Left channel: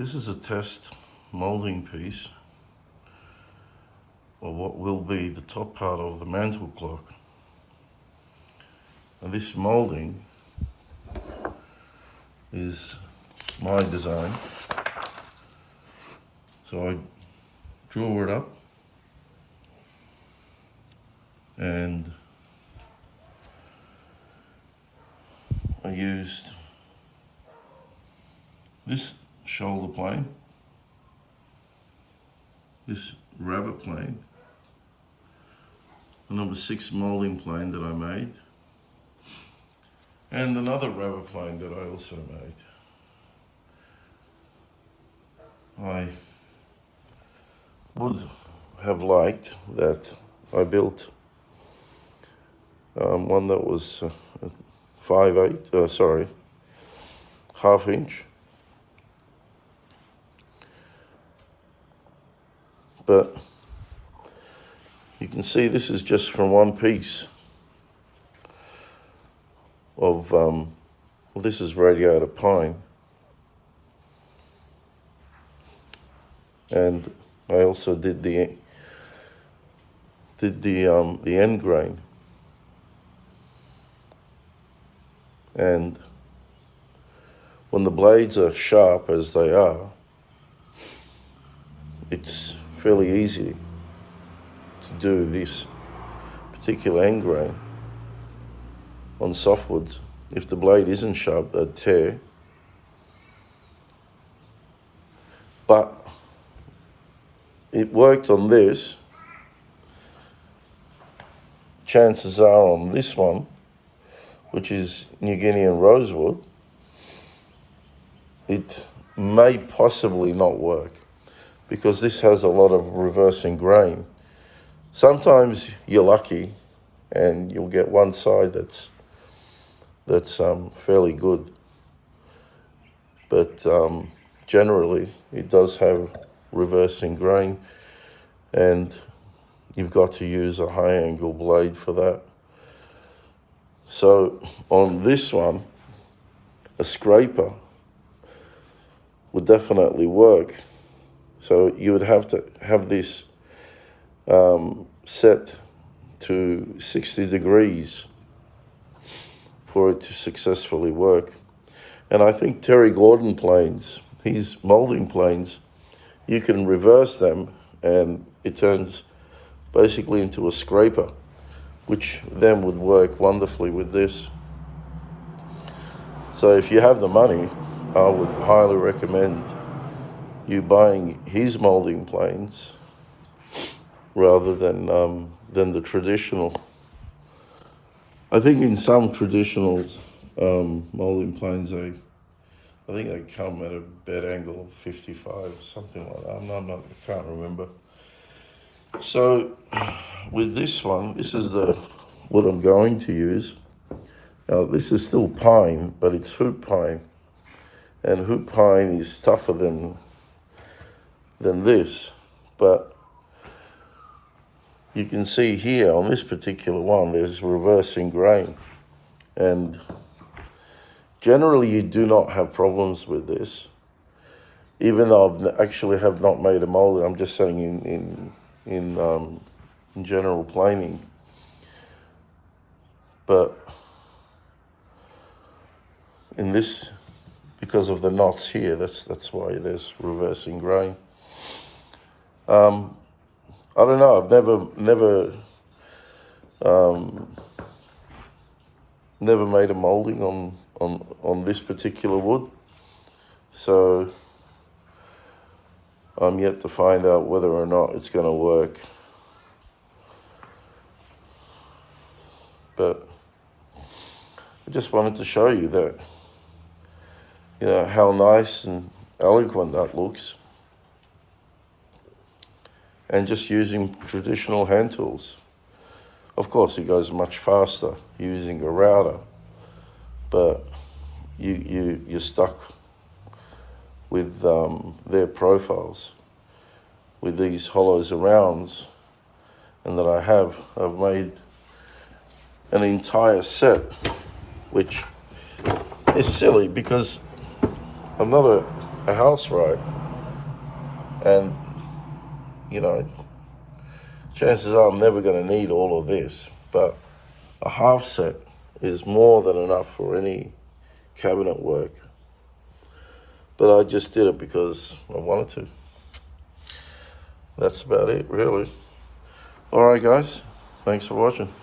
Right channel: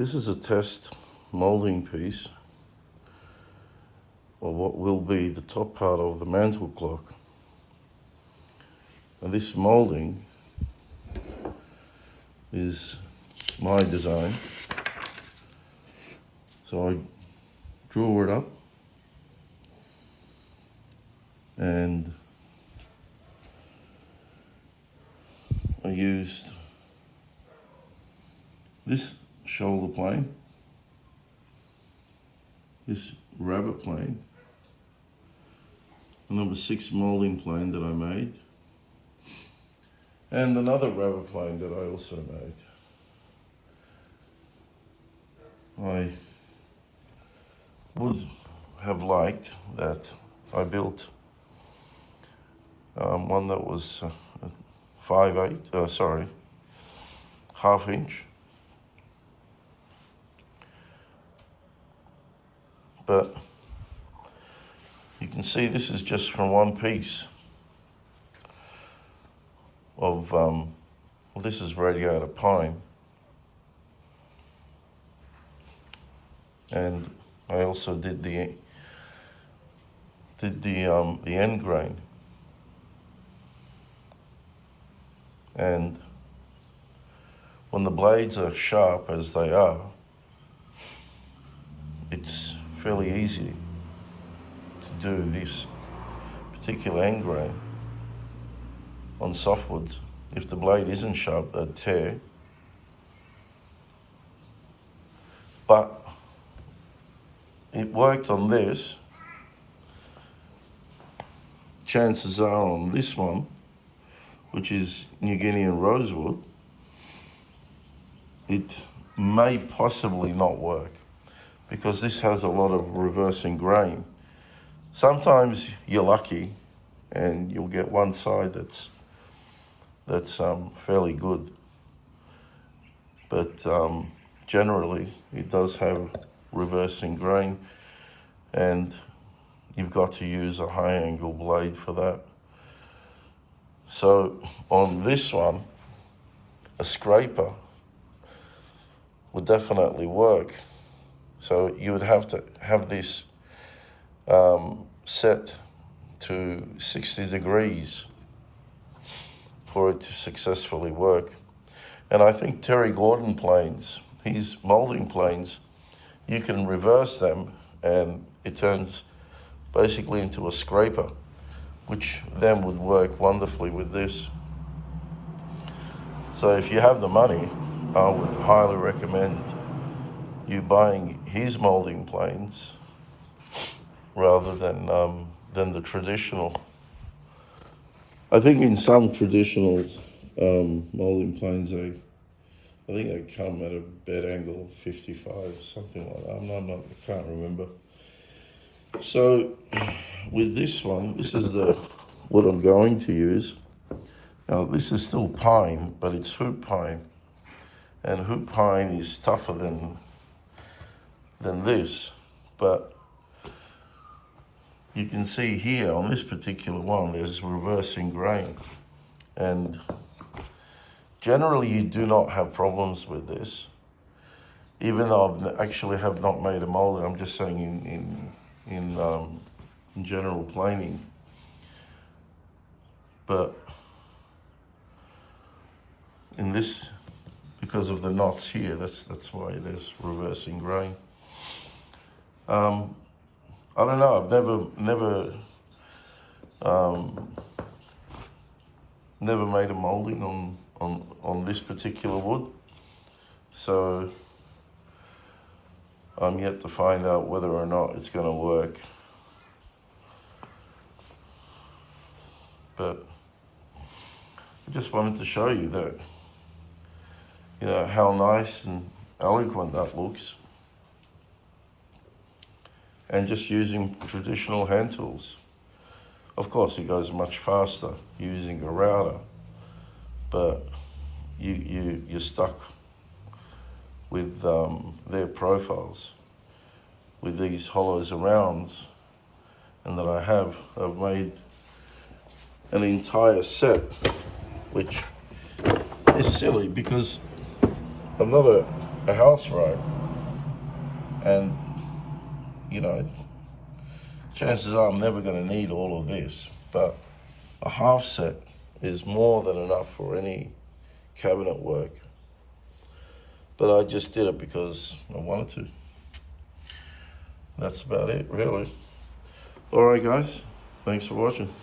This is a test moulding piece of what will be the top part of the mantle clock. And this moulding is my design. So I drew it up and I used this shoulder plane, this rabbit plane, the number 6 moulding plane that I made, and another rabbit plane that I also made. I would have liked that I built one that was 1/2 inch. But you can see this is just from one piece of, this is radiata pine. And I also did the end grain. And when the blades are sharp as they are, it's fairly easy to do this particular end grain on softwoods. If the blade isn't sharp, they'd tear. But it worked on this. Chances are on this one, which is New Guinean rosewood, it may possibly not work because this has a lot of reversing grain. Sometimes you're lucky and you'll get one side that's fairly good, but generally it does have reversing grain, and you've got to use a high angle blade for that. So on this one, a scraper would definitely work. So you would have to have this set to 60 degrees for it to successfully work. And I think Terry Gordon planes, his moulding planes, you can reverse them and it turns basically into a scraper, which then would work wonderfully with this. So if you have the money, I would highly recommend you buying his moulding planes rather than the traditional. I think in some traditional moulding planes, I think they come at a bed angle of 55, something like that. I can't remember. So with this one, this is what I'm going to use. Now this is still pine, but it's hoop pine, and hoop pine is tougher than this. But you can see here on this particular one, there's reversing grain, and generally you do not have problems with this. Even though I actually have not made a mold, I'm just saying in general planing. But in this, because of the knots here, that's why there's reversing grain. I don't know, I've never made a moulding on this particular wood, so I'm yet to find out whether or not it's going to work. But I just wanted to show you that, you know, how nice and eloquent that looks. And just using traditional hand tools. Of course, it goes much faster using a router, but you're stuck with their profiles, with these hollows arounds, and that I've made an entire set, which is silly because I'm not a house right, and you know, chances are I'm never going to need all of this, but a half set is more than enough for any cabinet work. But I just did it because I wanted to. That's about it, really. Alright guys, thanks for watching.